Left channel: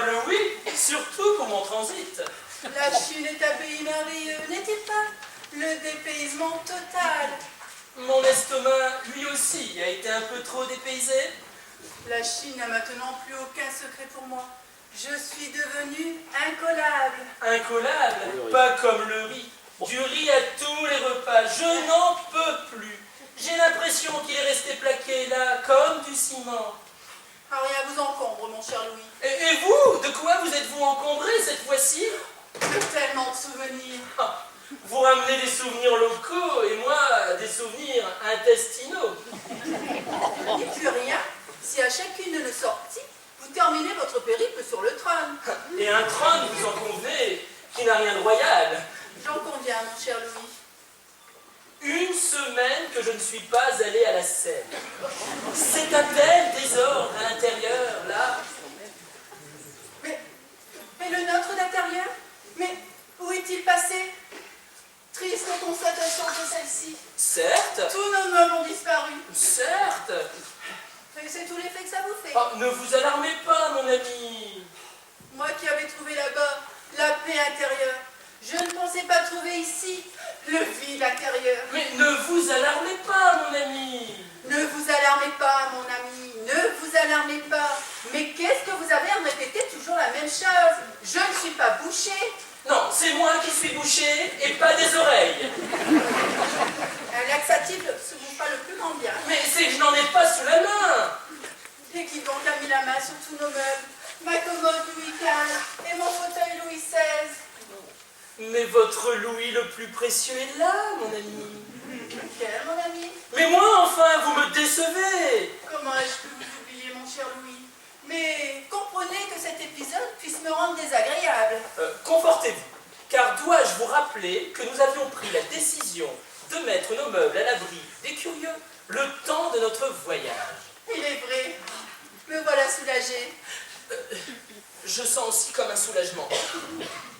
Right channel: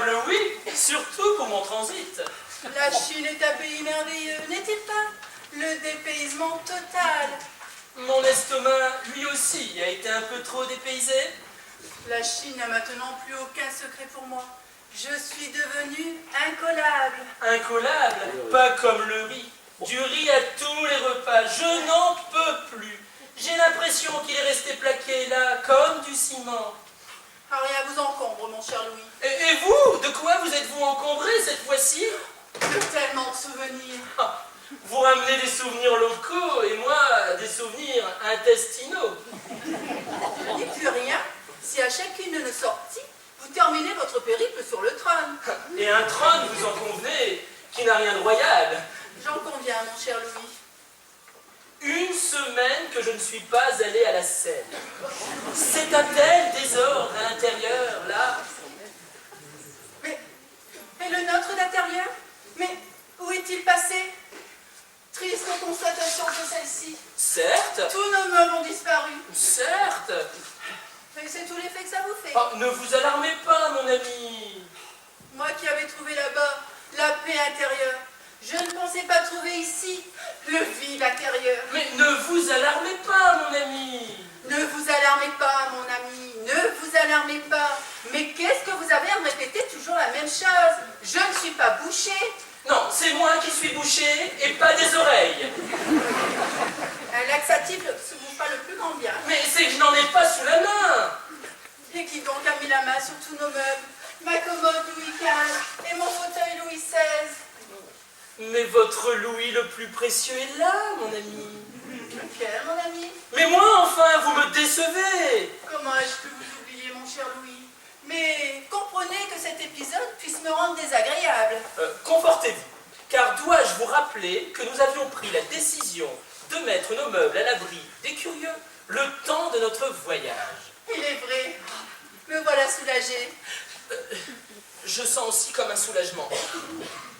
Probable oui, surtout pour mon transit. La Chine est un pays merveilleux, n'est-il pas? Le dépaysement total. Mon estomac, lui aussi, a été un peu trop dépaysé. La Chine n'a maintenant plus aucun secret pour moi. Je suis devenue incollable. Incollable, pas comme le riz. Du riz à tous les repas, je n'en peux plus. J'ai l'impression qu'il est resté plaqué là, comme du ciment. Ah, rien vous encombre, mon cher Louis. Et vous, de quoi vous êtes-vous encombré cette fois-ci? De tellement de souvenirs. Ah, vous ramenez des souvenirs locaux et moi, des souvenirs intestinaux. Je n'y plus rien si à chacune de nos sorties, vous terminez votre périple sur le trône. Et un trône, vous en convenez, qui n'a rien de royal. J'en conviens, mon cher Louis. Une semaine que je ne suis pas allé à la Seine. C'est un tel désordre à l'intérieur, là. Mais le nôtre d'intérieur? Mais où est-il passé? Triste constatation de celle-ci. Certes, Tous nos meubles ont disparu. certes. Et c'est tout l'effet que ça vous fait. Oh, ne vous alarmez pas, mon ami. Moi qui avais trouvé là-bas la paix intérieure, je ne pensais pas trouver ici le vide intérieur. Mais ne vous alarmez pas, mon ami. Ne vous alarmez pas, mon ami, ne vous alarmez pas. Mais qu'est-ce que vous avez à me répéter toujours la même chose? Je ne suis pas bouchée. Non, c'est moi qui suis bouché et pas des oreilles. Un laxatif ne vous fera le plus grand bien. Mais c'est que je n'en ai pas sous la main. Et qui donc a mis la main sur tous nos meubles? Ma commode Louis XV et mon fauteuil Louis XVI. Mais votre Louis le plus précieux est là, mon ami. Lequel, mon ami? Mais moi, enfin, vous me décevez. Comment ai-je pu vous oublier, mon cher Louis? Mais comprenez que cet épisode puisse me rendre désagréable. Confortez-vous, car dois-je vous rappeler que nous avions pris la décision de mettre nos meubles à l'abri des curieux le temps de notre voyage. Il est vrai. Me voilà soulagée. Je sens aussi comme un soulagement.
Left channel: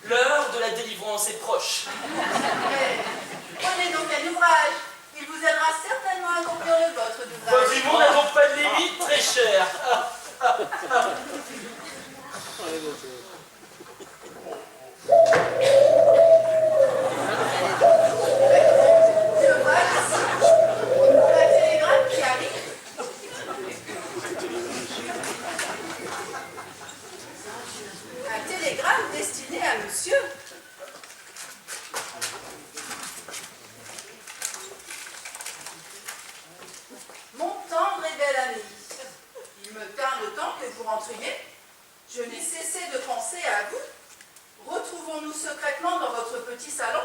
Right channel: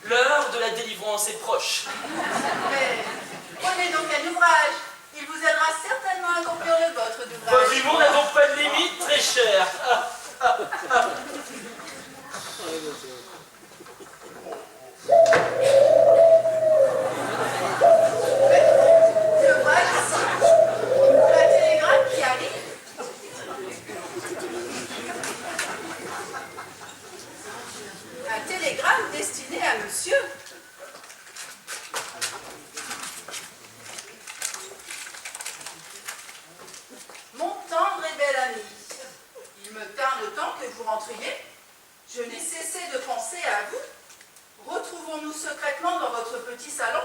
L'heure de la délivrance est proche. Mais prenez donc un ouvrage. Il vous aidera certainement à accomplir le vôtre d'ouvrage. Votre humour n'a donc pas de limite, très cher. Je vois ici la télégramme qui arrive. Un télégramme destiné à monsieur. Mon tendre et bel ami, il me tarde autant que vous rentriez. Je n'ai cessé de penser à vous. Retrouvons-nous secrètement dans votre petit salon.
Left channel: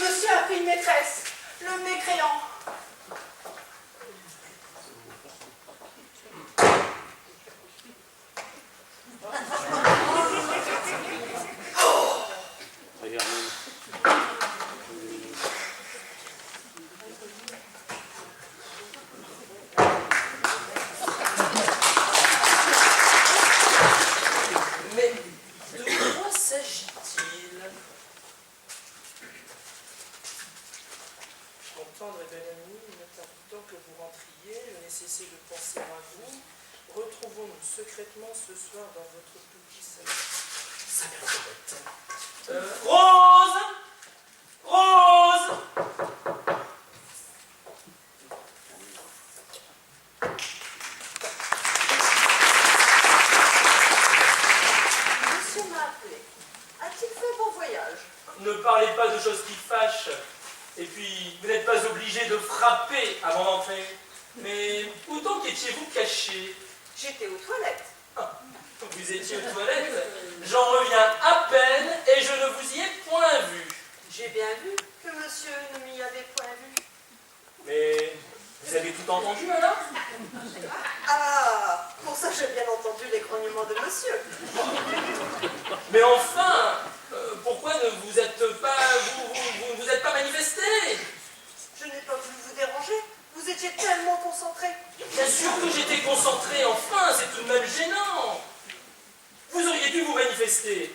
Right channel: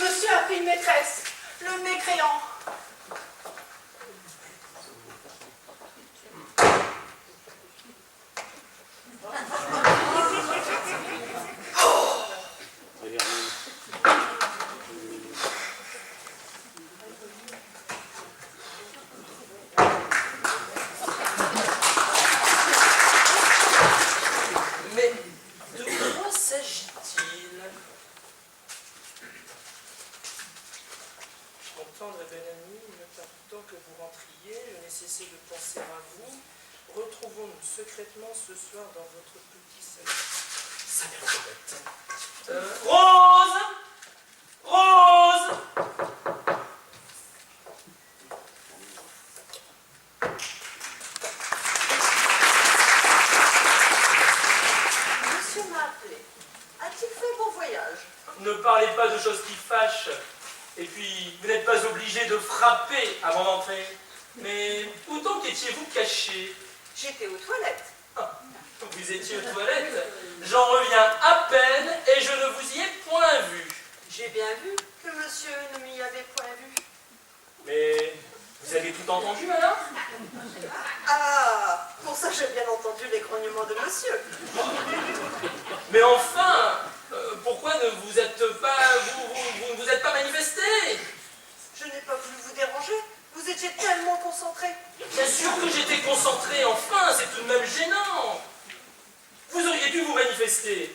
Monsieur a pris une maîtresse, le mécréant. Mais de quoi s'agit-il? Mon tendre et bel ami, il me tarde tant que vous rentriez, je n'ai cessé de penser à vous. Retrouvons-nous secrètement ce soir dans votre petit salon. Ça m'a l'air bête. Rose! Rose! Monsieur m'a appelé. A-t-il fait bon voyage? Ne parlez pas de choses qui fâchent. Et puis, vous n'êtes pas obligé de frapper avant d'entrer. Mais où donc étiez-vous caché? J'étais aux toilettes. Ah, vous étiez aux toilettes? J'en reviens à peine et je ne vous y ai point vu. J'ai bien vu que monsieur ne m'y avait point vu. Mais vous avez tout entendu alors? Ah, pour ça j'ai bien entendu les grognements de monsieur. Mais enfin, pourquoi ne vous êtes pas, vous êtes pas manifesté? Je n'ai pas voulu vous déranger. Vous étiez tellement concentré. Bien sûr que j'étais concentré, enfin, c'est tout de même gênant. Vous auriez dû vous manifester.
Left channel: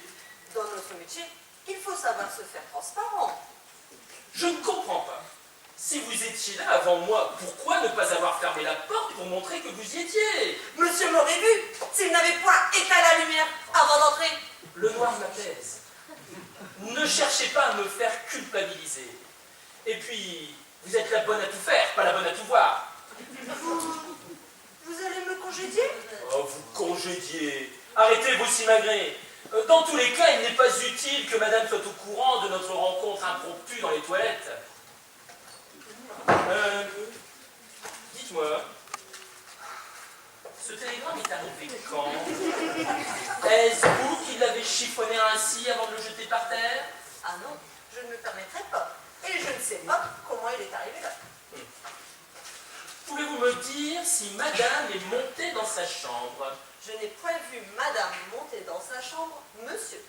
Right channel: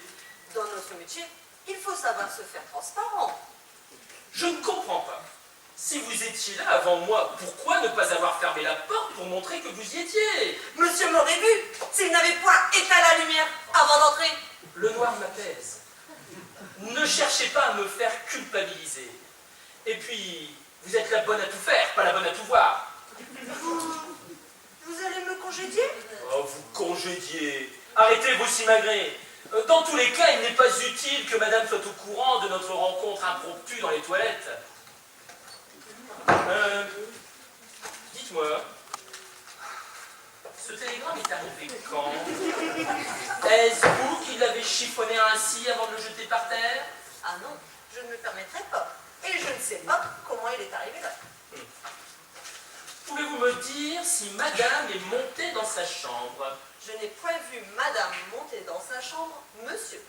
Dans notre métier, il faut savoir se faire transparent. Je ne comprends pas. Si vous étiez là avant moi, pourquoi ne pas avoir fermé la porte pour montrer que vous y étiez? Monsieur m'aurait vu s'il n'avait point éteint la lumière avant d'entrer. Le noir m'apaise. Ne cherchez pas à me faire culpabiliser. Et puis, vous êtes la bonne à tout faire, pas la bonne à tout voir. Vous allez me congédier? Oh, vous congédiez. Arrêtez vos simagrées. Dans tous les cas, il n'est pas utile que madame soit au courant de notre rencontre impromptue dans les toilettes. Dites-moi, ce télégramme est arrivé quand? Est-ce vous qui l'avez chiffonné ainsi avant de le jeter par terre? Ah non, je ne me permettrai pas. Et je ne sais pas comment il est arrivé là. Pouvez-vous me dire si madame est montée dans sa chambre? Je n'ai point vu madame monter dans sa chambre, monsieur.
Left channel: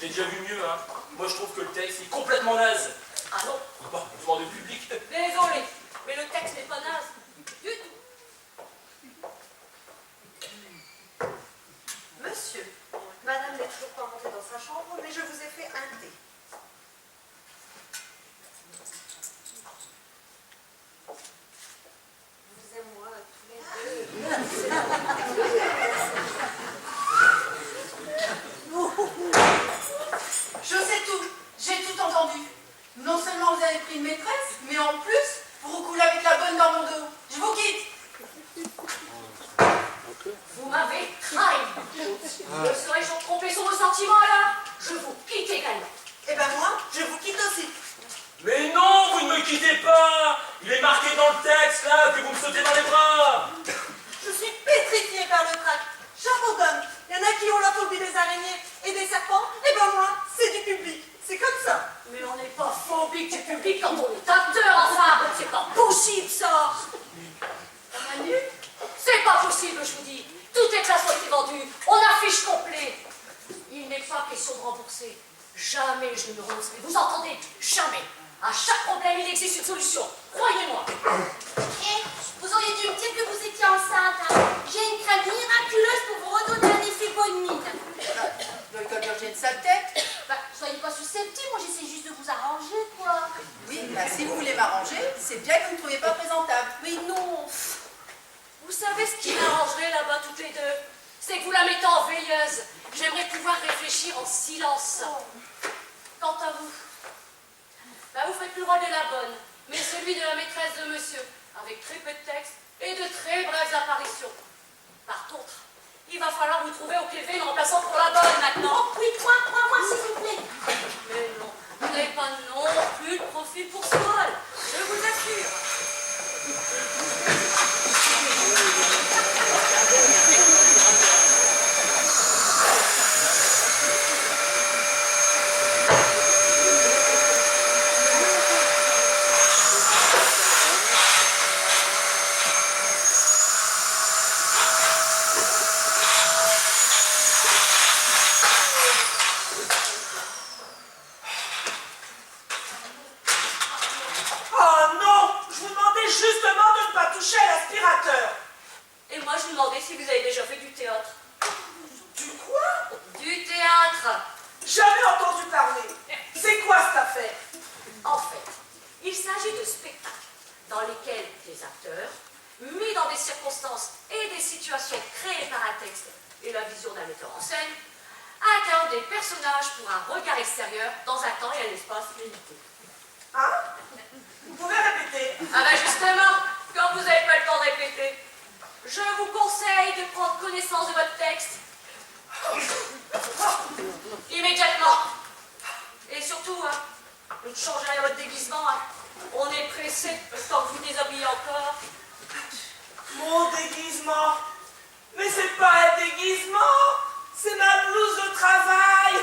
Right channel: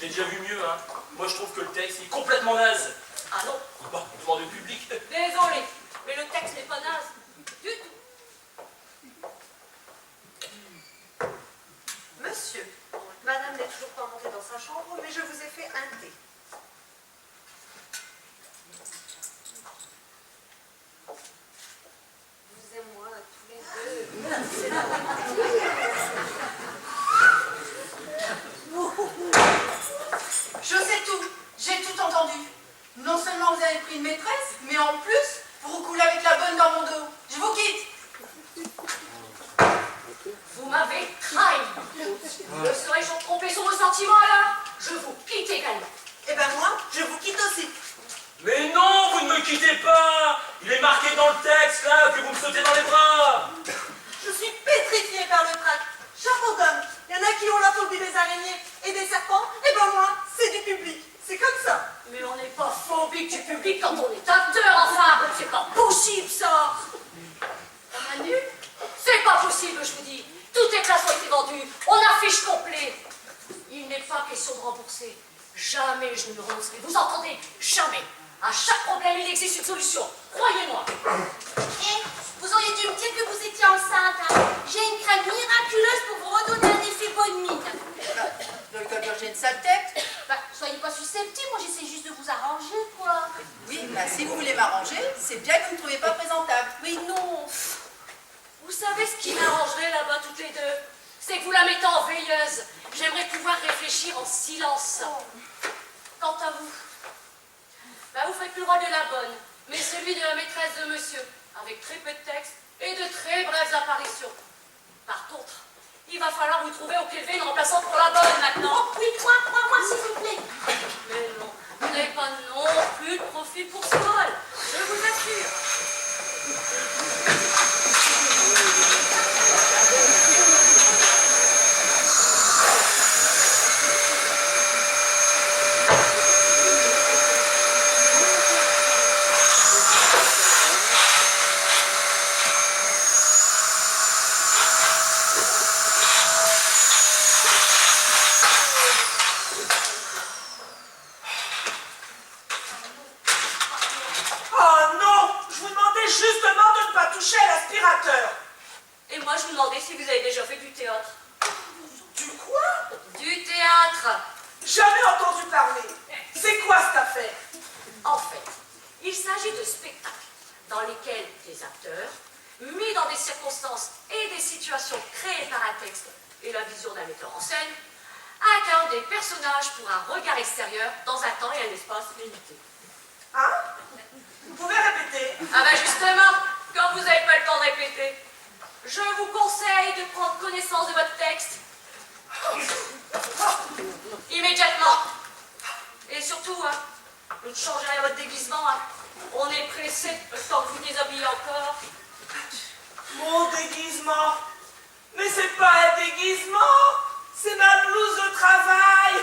J'ai déjà vu mieux, hein. Moi, je trouve que le texte est complètement naze. Ah non? Bah, demande au public. Désolé, mais le texte n'est pas naze du tout. Monsieur, madame n'est toujours pas montée dans sa chambre, mais je vous ai fait un thé. Vous et moi, tous les deux. Je sais tout, j'ai tout entendu. Non seulement vous avez pris une maîtresse, mais en plus, vous recoulez avec la bonne dans mon dos. Je vous quitte. Vous m'avez trahi. Me serais-je trompé sur vos sentiments alors? Je vous quitte également. Eh ben moi, je vous quitte aussi. Mais non, vous ne me quittez pas. Il est marqué dans le texte, là, que vous me sautez dans les bras. Je suis pétrifiée par le trac. Chapeau d'homme. Il y en a qui ont la phobie des araignées et des serpents. Eh ben moi, c'est du public. C'est comme ça. Mais on n'est pas phobique du public quand on est acteur, enfin. C'est pas possible, ça. Manu, c'est pas possible, je vous dis. Toutes les places ont été vendues. On affiche complet. Il n'est pas question de rembourser. Jamais je ne me renoncerai. Vous entendez? Jamais. À chaque problème, il existe une solution. Croyez-moi. Eh, vous auriez dû me dire que vous étiez enceinte. Hein. J'ai une crème miraculeuse pour vous redonner un effet bonne mine. Docteur Burger, j'ai une sale tête. Bah, soyez pas susceptible, moi j'essaie juste de vous arranger, quoi. Oui, bah si vous voulez m'arranger, c'est bien que vous ne me trouvez pas présentable. Mais non. Vous savez ce qui m'arrangerait là-bas toutes les deux? C'est que vous la mettez en veilleuse. J'aimerais pouvoir réfléchir en silence. Quant à vous, bah vous faites plus le rôle de la bonne, mais celui de la maîtresse de monsieur, avec très peu de texte et de très brèves apparitions. Par contre, il va falloir vous trouver au pied levé une remplaçante pour la bonne maintenant. Oh, oui, moi, s'il vous plaît. Mais non, vous n'avez pas non plus de profil pour ce rôle, je vous assure. touché à l'aspirateur. Et moi, je vous demandais si vous avez déjà fait du théâtre. Du quoi? Du théâtre. Jamais entendu parler. C'est quoi cette affaire? En fait, il s'agit de spectacles dans lesquels des acteurs, mis dans des circonstances et des situations créées par un texte et la vision d'un metteur en scène, incarnent des personnages pour un regard extérieur dans un temps et un espace limité. Hein? Vous pouvez répéter? Ah ben justement, quand vous n'avez pas le temps de répéter, je vous conseille de prendre connaissance de votre texte immédiatement. Et surtout, hein, ne changez rien à votre déguisement. Hein. On est pressé le temps que vous déshabillez encore. Mon déguisement? Mais c'est pas un déguisement, c'est ma blouse de travail.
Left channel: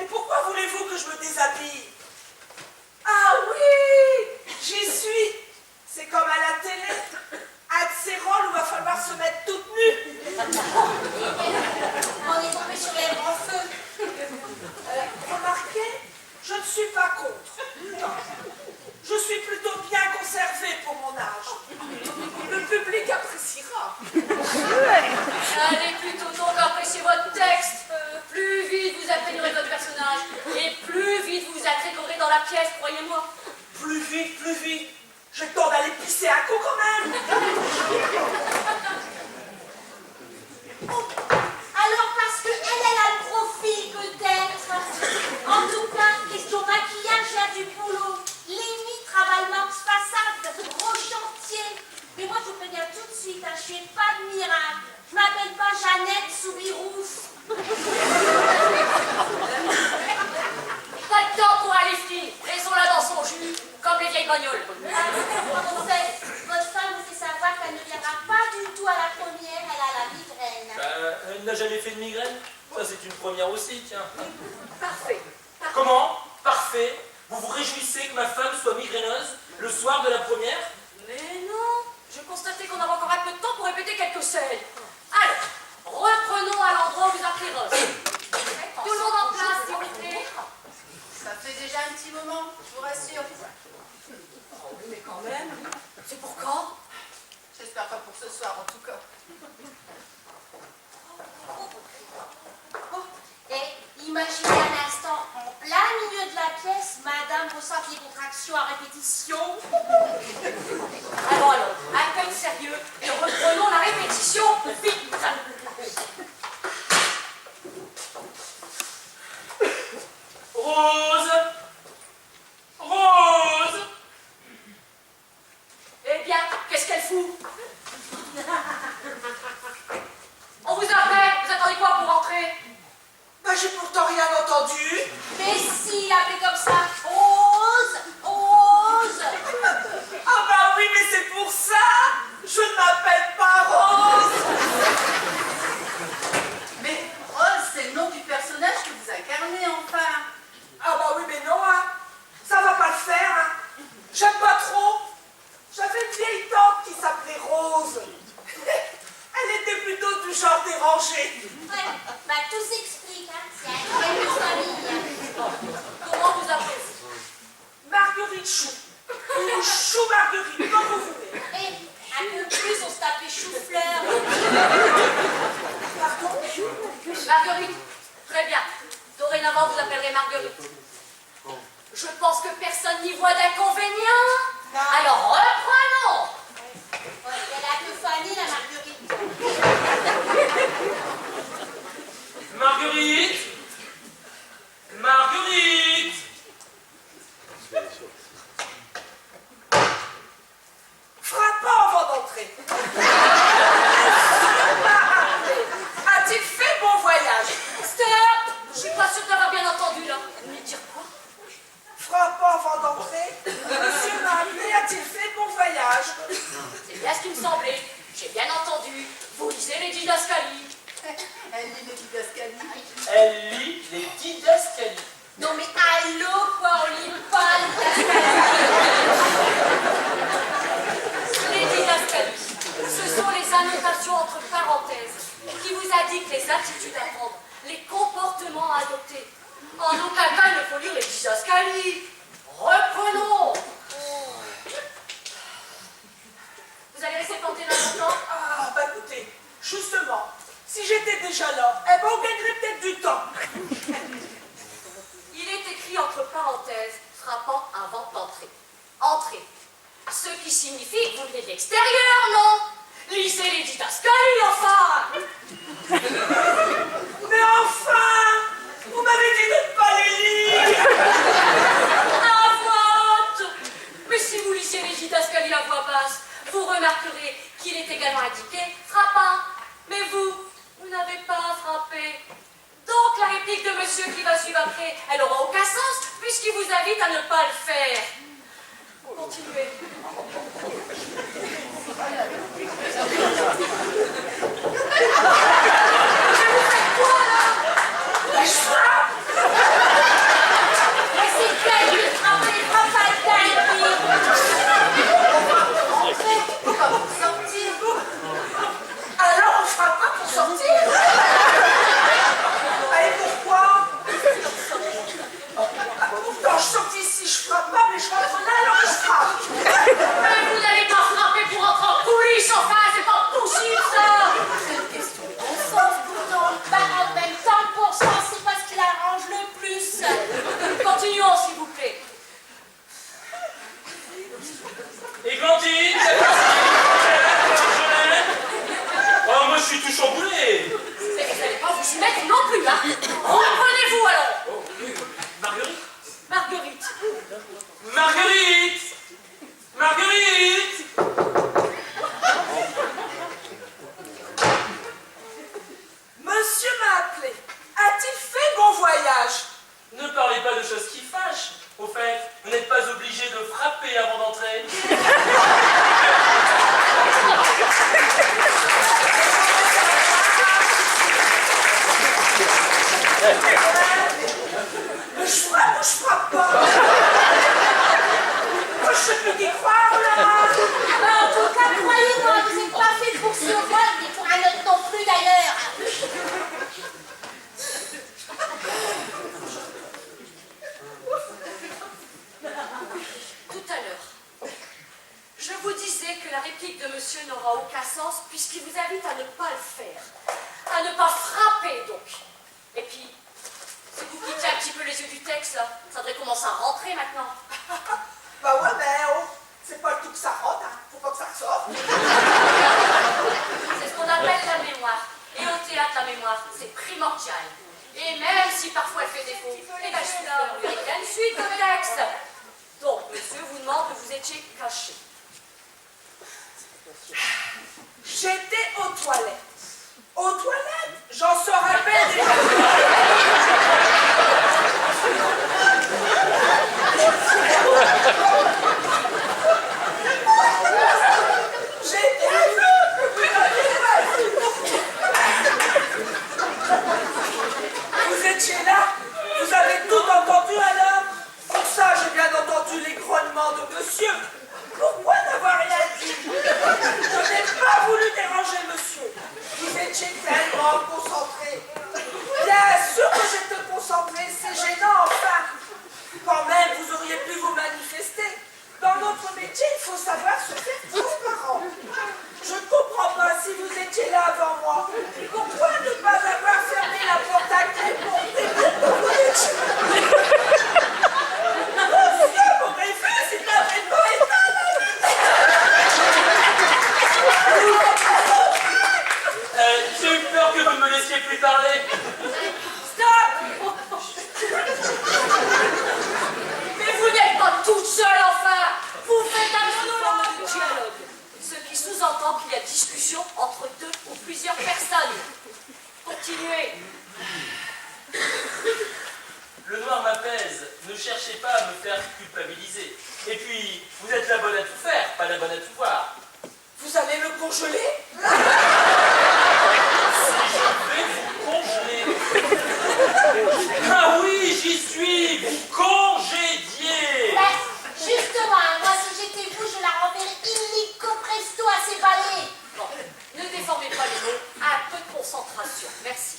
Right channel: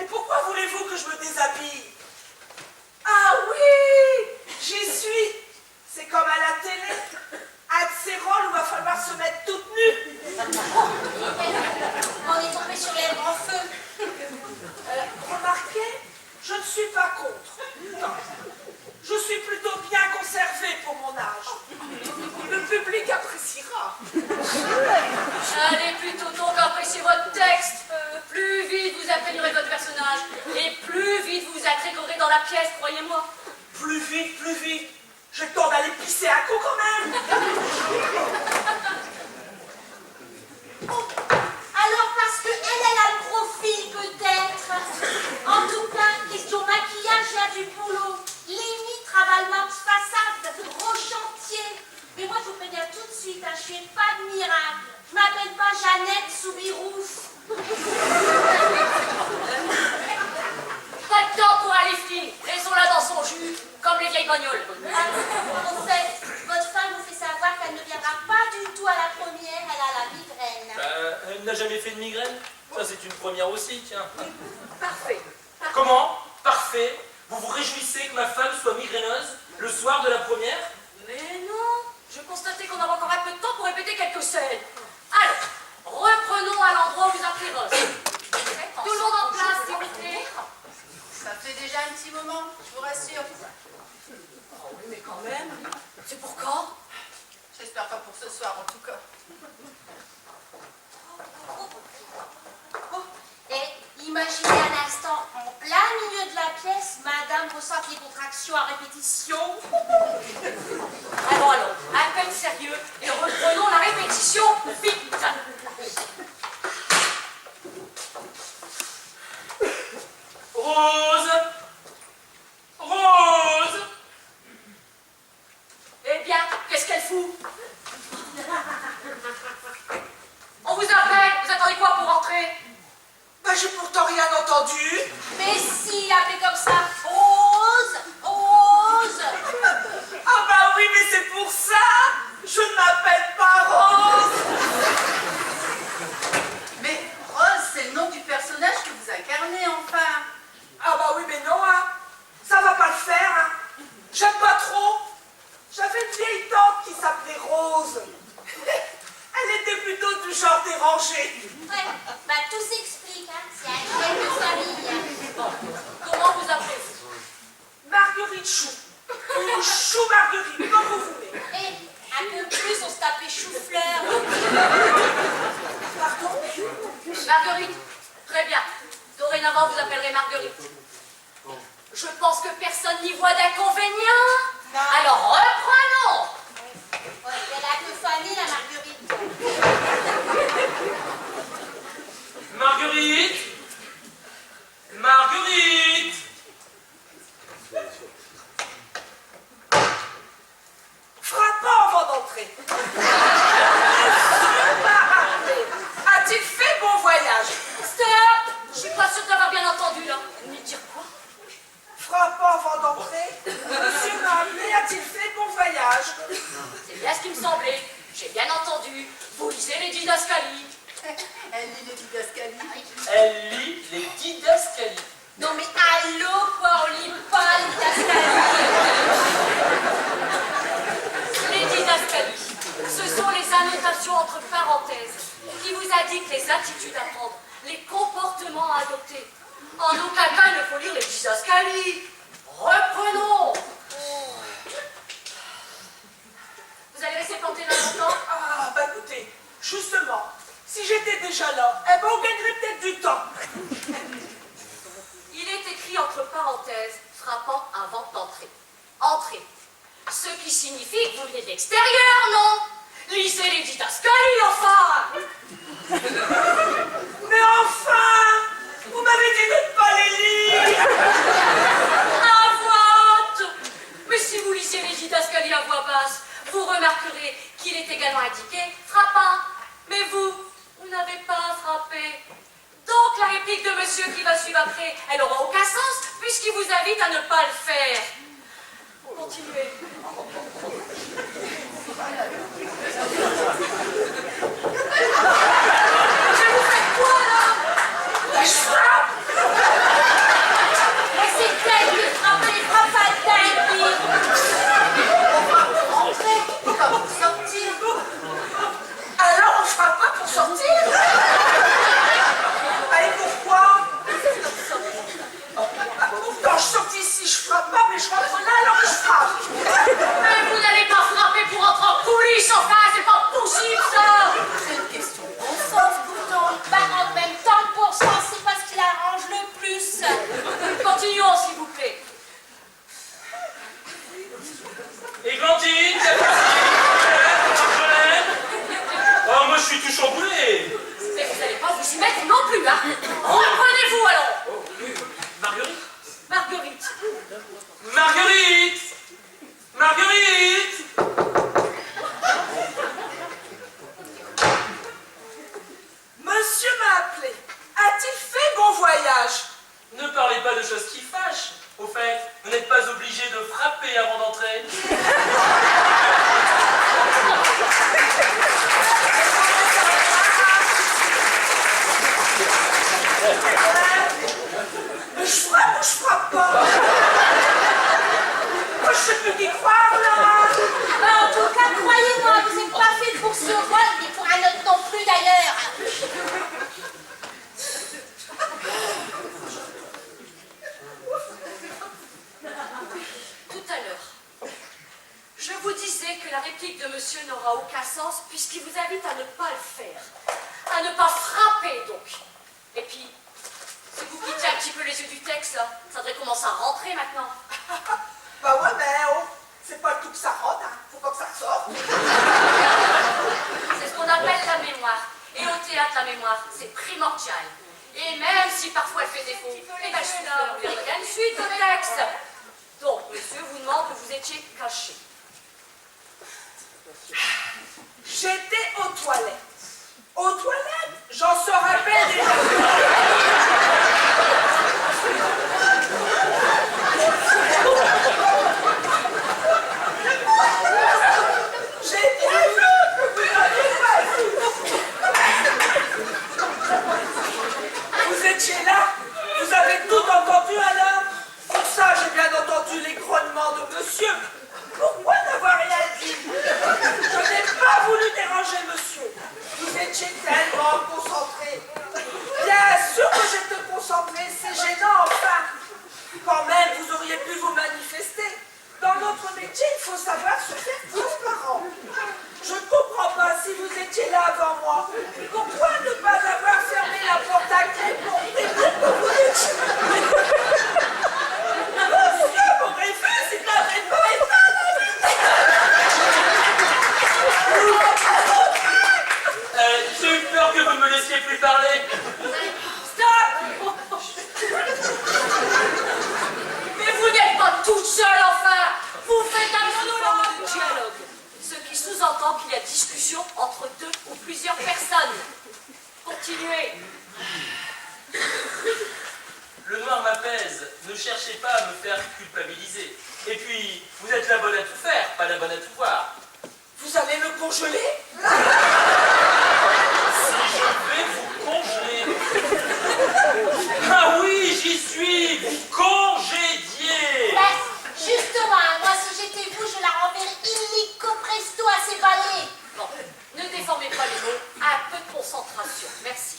Et pourquoi voulez-vous que je me déshabille? Ah oui, j'y suis. C'est comme à la télé, un de ces rôles où il va falloir se mettre toute nue. On est tombé sur les grands feux. Remarquez, je ne suis pas contre. Non. Je suis plutôt bien conservée pour mon âge. Le public appréciera. Allez plutôt donc apprécier votre texte. Plus vite vous imprégnerez votre personnage et plus vite vous intégrerez dans la pièce, croyez-moi. Plus vite, plus vite. J'ai le temps d'aller pisser un coup quand même. Alors parce que elle a le profil peut-être. En tout cas, question maquillage, il y a du boulot. Limite travail max façade, gros chantier. Mais moi je vous préviens tout de suite, hein, je fais pas de miracle. Je m'appelle pas Jeannette Soubirouf. Pas de temps pour un lifting. Laissons-la dans son jus, comme les vieilles bagnoles. En fait, votre femme vous fait savoir qu'elle ne viendra pas du tout à la première, elle a la migraine. Elle n'a jamais fait de migraine? Ça, c'est une première aussi, tiens. Parfait. Comment? Parfait. Vous vous réjouissez que ma femme soit migraineuse le soir de la première? Mais non, je constatais qu'on avait encore un peu de temps pour répéter quelques scènes. Alors, reprenons à l'endroit où vous appelez Rose. Tout le monde en place, s'il vous plaît. Ça fait déjà un petit moment, je vous rassure. Oh oui, mais quand même. C'est pour quand? J'espère pas pour ce soir, en tout cas. Et imaginez un instant, en plein milieu de la pièce, madame ressent les contractions à répétition. Alors, un peu de sérieux et reprenons la répétition vite. Rose! Rose! Eh bien, qu'est-ce qu'elle fout? On vous appelle, vous attendez quoi pour rentrer? Bah, j'ai pourtant rien entendu. Mais si, appelez comme ça, Rose, Rose. Ah bah oui, mais c'est pour ça. Je ne m'appelle pas Rose. Mais Rose, c'est le nom du personnage que vous incarnez, enfin. Ah bah oui, mais non, hein. Ça va pas le faire, hein. J'aime pas trop. J'avais une vieille tante qui s'appelait Rose. Elle était plutôt du genre dérangé. Ouais, bah tout s'explique, hein. C'est un problème de famille. Comment vous appelez-vous? Marguerite Chou. Ou Chou Marguerite, comme vous voulez. Et un peu plus, on se tapait chou-fleur. Pardon? Marguerite. Très bien. Dorénavant, vous appellerez Marguerite. Je pense que personne n'y voit d'inconvénient. Alors, reprenons. Ouais, elle a que famille, la Marguerite. Marguerite! Marguerite! Frappant avant d'entrer. A-t-il fait bon voyage? Stop! Je suis pas sûre d'avoir bien entendu, là. Vous venez de dire quoi? Frappant avant d'entrer. Monsieur m'a appelé, a-t-il fait bon voyage? C'est bien ce qui me semblait. J'ai bien entendu. Vous lisez les didascalies. Elle lit les didascalies. Elle lit les didascalies. Non mais allô, quoi, on lit pas les didascalies. Les didascalies, ce sont les annotations entre parenthèses qui vous indiquent les attitudes à prendre, les comportements à adopter. En aucun cas, il ne faut lire les didascalies. Reprenons. signifie que vous venez de l'extérieur, non? Lisez les didascalies, enfin! Mais enfin, vous m'avez dit de ne pas les lire. À voix haute! Mais si vous lisiez les didascalies à voix basse, vous remarquerez qu'il est également indiqué frappant. Mais vous n'avez pas frappé. Donc la réplique de monsieur qui va suivre après, elle n'aura aucun sens puisqu'il vous invite à ne pas le faire. Continuez. Mais vous faites quoi là? Je frappe. Mais c'est elle qui frappe les frappes à dingue. En fait, comment sortir? Alors on frappe pas pour sortir? Et pourquoi? Quand je sors d'ici, je frappe pas, mais je rentre là, alors je frappe. Mais vous n'allez pas frapper pour entrer en coulisses, enfin, c'est pas possible ça! C'est une question de bon sens pourtant. Bah, en même temps, le bon sens, c'est pas ce qui l'arrange le plus. Continuons, s'il vous plaît. Églantine, Marjolaine. Oh, moi je suis tout chamboulé. Mais vous n'allez pas vous y mettre non plus, hein? Reprenez-vous alors! Oh, Marguerite. Marguerite. Marguerite. Marguerite. Monsieur m'a appelé. A-t-il fait bon voyage? Ne parlez pas de choses qui fâchent. Au fait, vous n'êtes pas obligé de frapper avant d'entrer. Mais je frappe ou je frappe pas? Moi, je sais plus qui croire là. Bah, en tout cas, croyez-moi, vous n'êtes pas fait pour ce rôle, ni pour un autre non plus d'ailleurs. Tout à l'heure, je vous disais que la réplique de monsieur n'aura aucun sens puisqu'il vous invite à ne pas le faire. À ne pas frapper, donc. Et puis, si vous quittez un petit peu les yeux du texte, là, ça devrait commencer à rentrer maintenant. Bah ouais, mais oh, c'est pas tout que ça rentre, hein. Faut pas que ça sorte. C'est ce qu'on appelle la mémoire. Et au théâtre, la mémoire, c'est primordial. Et même si parfois elle fait défaut, et bien je suis là pour vérifier une suite de texte. Donc, monsieur vous demande où vous étiez caché. J'étais aux toilettes. Aux toilettes, j'en sors à peine des J'ai bien vu que vous n'aviez pas vu. Vous étiez là? Vous avez tout entendu alors? Pour ça, j'ai bien entendu les grognements de monsieur. Pourquoi n'avoir rien dit? Je n'ai pas voulu déranger monsieur. Vous étiez tellement concentré. Bien sûr que j'étais concentré, c'est gênant enfin. Quand même, vous auriez pu vous manifester. Dans notre métier, il faut savoir se faire transparent. Je ne comprends pas si vous étiez là avant moi. Pourquoi ne pas avoir fermé la porte à clé pour prévenir que vous étiez? Monsieur m'aurait vu s'il n'avait pas éteint la J'ai eu peur que vous ne me laissiez plus parler. Stop! Mais vous n'êtes pas toute seule, enfin! Vous faites un monologue de dialogue. Ce qui sous-entend qu'il y a discussion entre deux ou plusieurs personnes. Continuez. Le noir m'apaise. Ne cherchez pas à me faire culpabiliser. Et puis, vous êtes la bonne à tout faire, pas la bonne à tout voir. Vous allez le congeler? Si je vais vous congeler. Ah oui, j'y suis. Vous congédiez. Bah, justement, moi, si j'étais vous, je la renverrais illico presto à ses balais. Bon, ne déformez pas les mots. Un peu de concentration. Merci.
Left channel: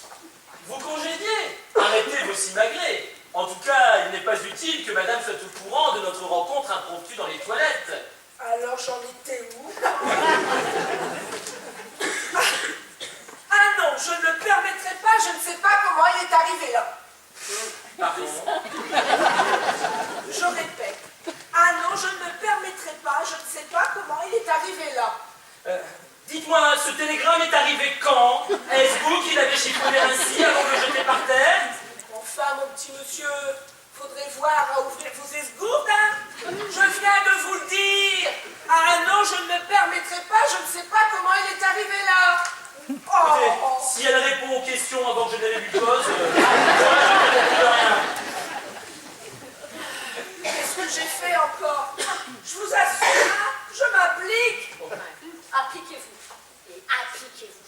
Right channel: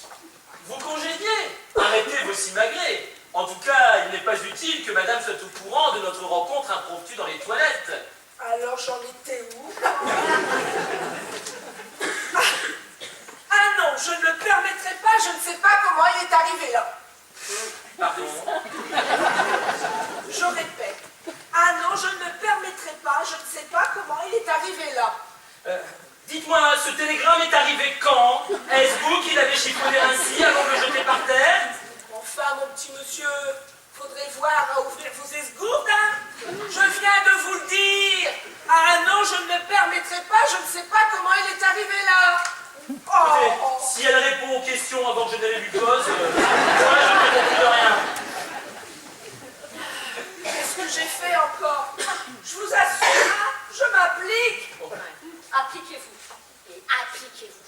Vous congédiez. Arrêtez vos simagrées. En tout cas, il n'est pas utile que madame soit au courant de notre rencontre impromptue dans les toilettes. Alors j'en étais où? Ah non, je ne le permettrai pas, je ne sais pas comment il est arrivé là. Pardon. Je répète. Ah non, je ne le permettrai pas, je ne sais pas comment télégramme est arrivé quand? Est-ce vous qui l'avez chiffonné ainsi avant de le jeter par terre? Enfin, mon petit monsieur, faudrait voir à ouvrir vos esgourdes, hein. Je viens de vous le dire. Ah non, je ne me permettrai pas, je ne sais pas comment il est arrivé là. Écoutez, Oh. si elle répond aux questions avant que je n'aie lu pause, moi je ne réponds plus de rien. Qu'est-ce que j'ai fait encore? Je vous assure, hein, je m'applique. Appliquez-vous. Et appliquez-vous.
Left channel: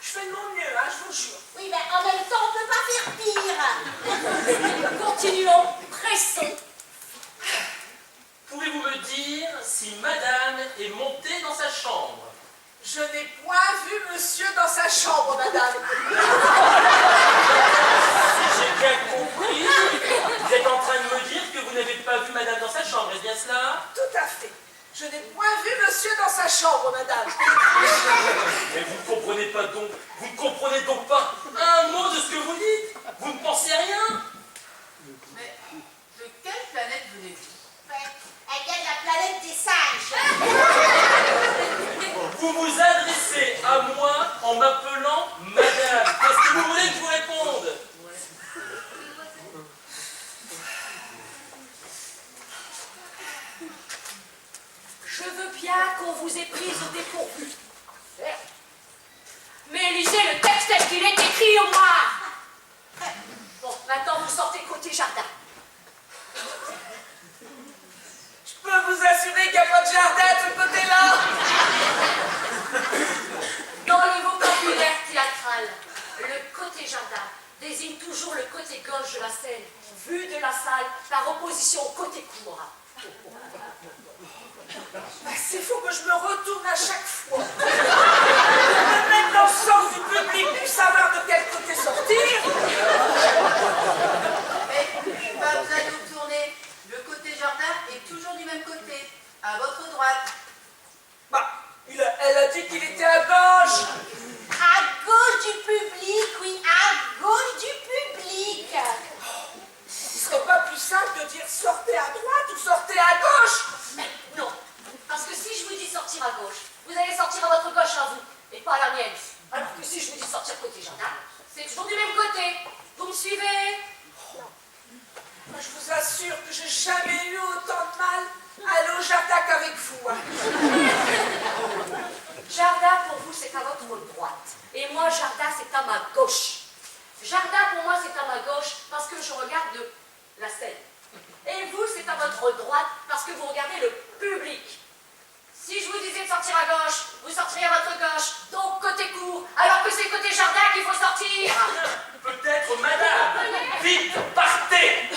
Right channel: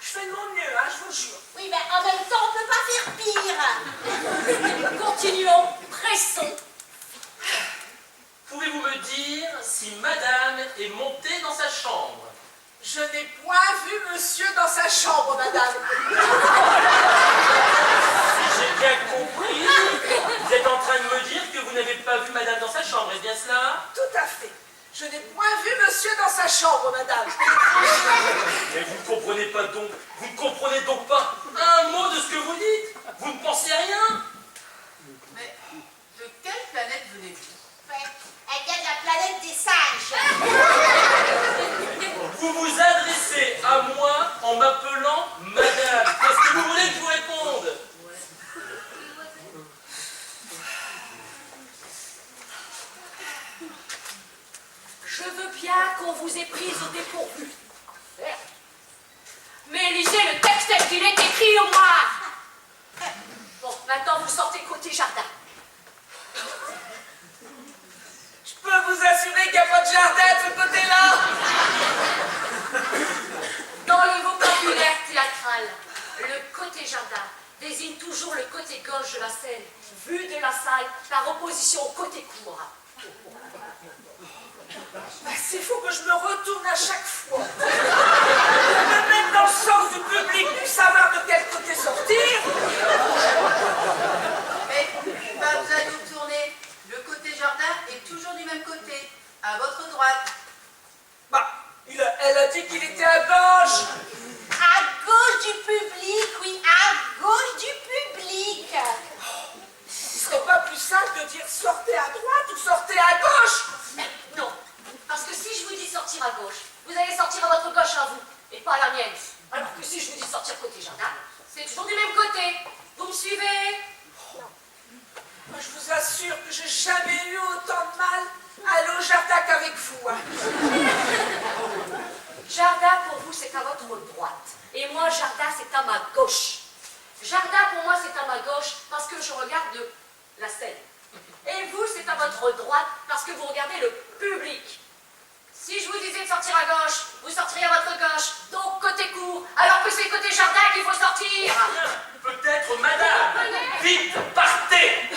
Je fais de mon mieux, hein, je vous jure. Oui, mais en même temps, on ne peut pas faire pire. Continuons, pressons. Pouvez-vous me dire si madame est montée dans sa chambre? Je n'ai point vu monsieur dans sa chambre, madame. Si j'ai bien compris, vous êtes en train de me dire que vous n'avez pas vu madame dans sa chambre, est-ce bien cela? Tout à fait. Je n'ai point vu monsieur dans sa chambre, madame. Mais vous ne comprenez pas donc, vous ne comprenez donc pas un mot de ce que vous dites? Vous ne pensez rien? Mais de quelle planète venez-vous? Elle vient de la planète des singes. Vous vous adressez à moi en m'appelant madame. Qu'est-ce que vous voulez que je vous réponde? Je veux bien qu'on vous ait prise au dépourvu. Mais lisez le texte tel qu'il est écrit au moins. Bon, maintenant vous sortez côté jardin. Je peux vous assurer qu'il n'y a pas de jardin de ce côté-là. Dans le vocabulaire théâtral, le côté jardin désigne toujours le côté gauche de la scène, vu de la salle par opposition au côté cour. C'est fou que je me retourne à chaque fois. Me mettre dans le sens du public pour savoir de quel côté sortir. Mais pas besoin de vous tourner. Le côté jardin est toujours du même côté, à votre droite. Bah, elle a dit qu'il était à gauche. À gauche du public, oui, à gauche du public. Il serait pas plus simple de dire sortez à droite ou sortez à gauche? Non, parce que si je vous dis sortir à gauche, vous allez sortir à votre gauche à vous, et pas à la mienne. Alors que si je vous dis sortir côté jardin, c'est toujours du même côté. Vous me suivez? Moi, je vous assure que j'ai jamais eu autant de mal à aller au jardin qu'avec vous, hein. Jardin pour vous, c'est à votre droite. Et moi, jardin, c'est à ma gauche. Jardin pour moi, c'est à ma gauche parce que je regarde la scène. Et vous, c'est à votre droite parce que vous regardez le public. Si je vous disais de sortir à gauche, vous sortiriez à votre gauche, donc côté court, alors que c'est côté jardin qu'il faut sortir. Peut-être madame. Vite, partez.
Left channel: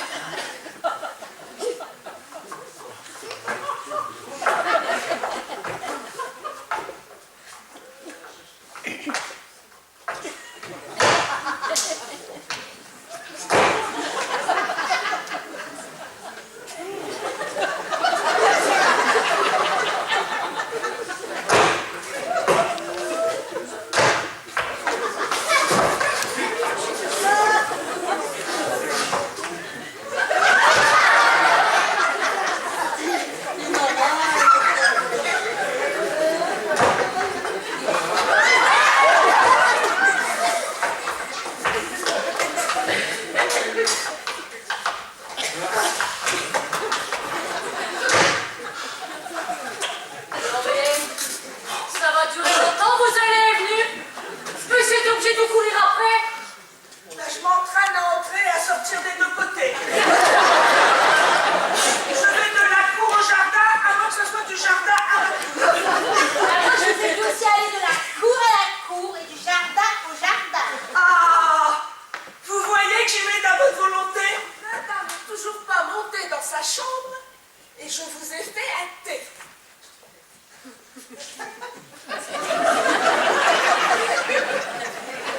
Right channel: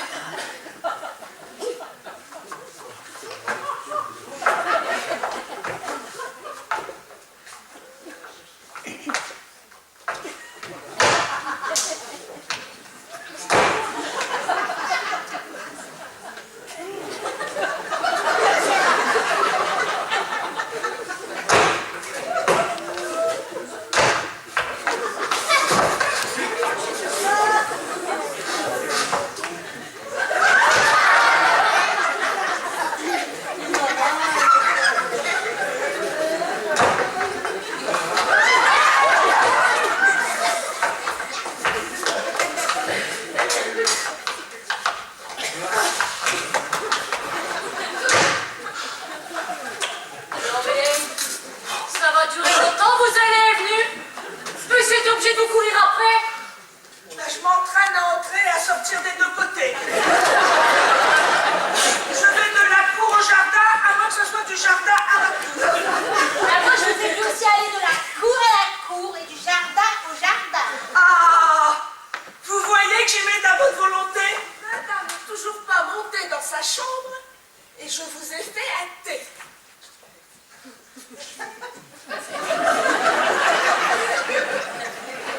Non mais, ça va durer longtemps, vous allez venir. Vous êtes obligé de courir après. Là, je m'entraîne à entrer et à sortir des deux côtés. Je vais de la cour au jardin avant que ce soit du jardin à la cour. Moi, je vais aussi aller de la cour à la cour et du jardin au jardin. Ah, vous voyez que j'y mets de votre volonté. Madame n'est toujours pas montée dans sa chambre et je vous ai fait un thé.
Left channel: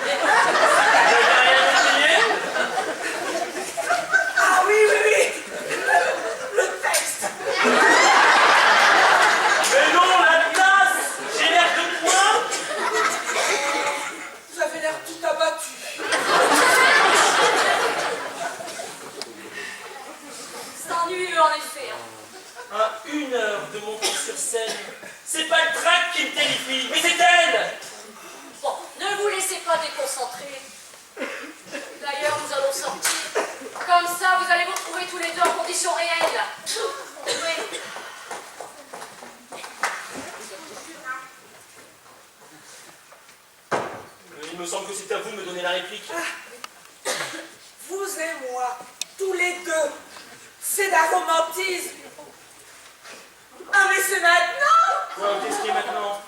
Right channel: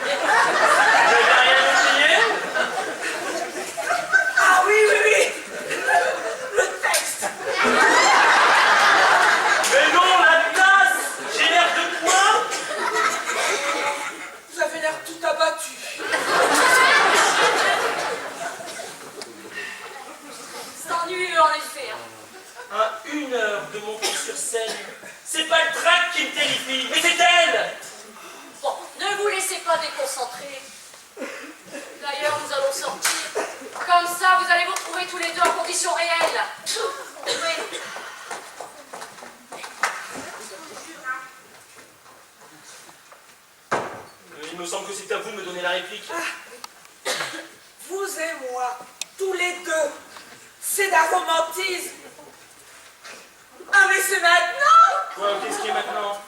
Vous n'avez rien oublié? Ah oui, oui, oui. Le texte. Mais non, la tasse. J'ai l'air de quoi? Vous avez l'air tout abattu. C'est ennuyeux en effet. À 1 heure de monter sur scène, c'est pas le trac qui me terrifie, mais c'est elle. Ne vous laissez pas déconcentrer. D'ailleurs, nous allons sortir. Comme ça, vous allez vous retrouver tous les deux en conditions réelles. Oui. Il me semble que c'est à vous de me donner la réplique. Vous et moi, tous les deux, c'est d'un romantisme. Ah mais c'est maintenant. Quoi, qu'est-ce qui est maintenant?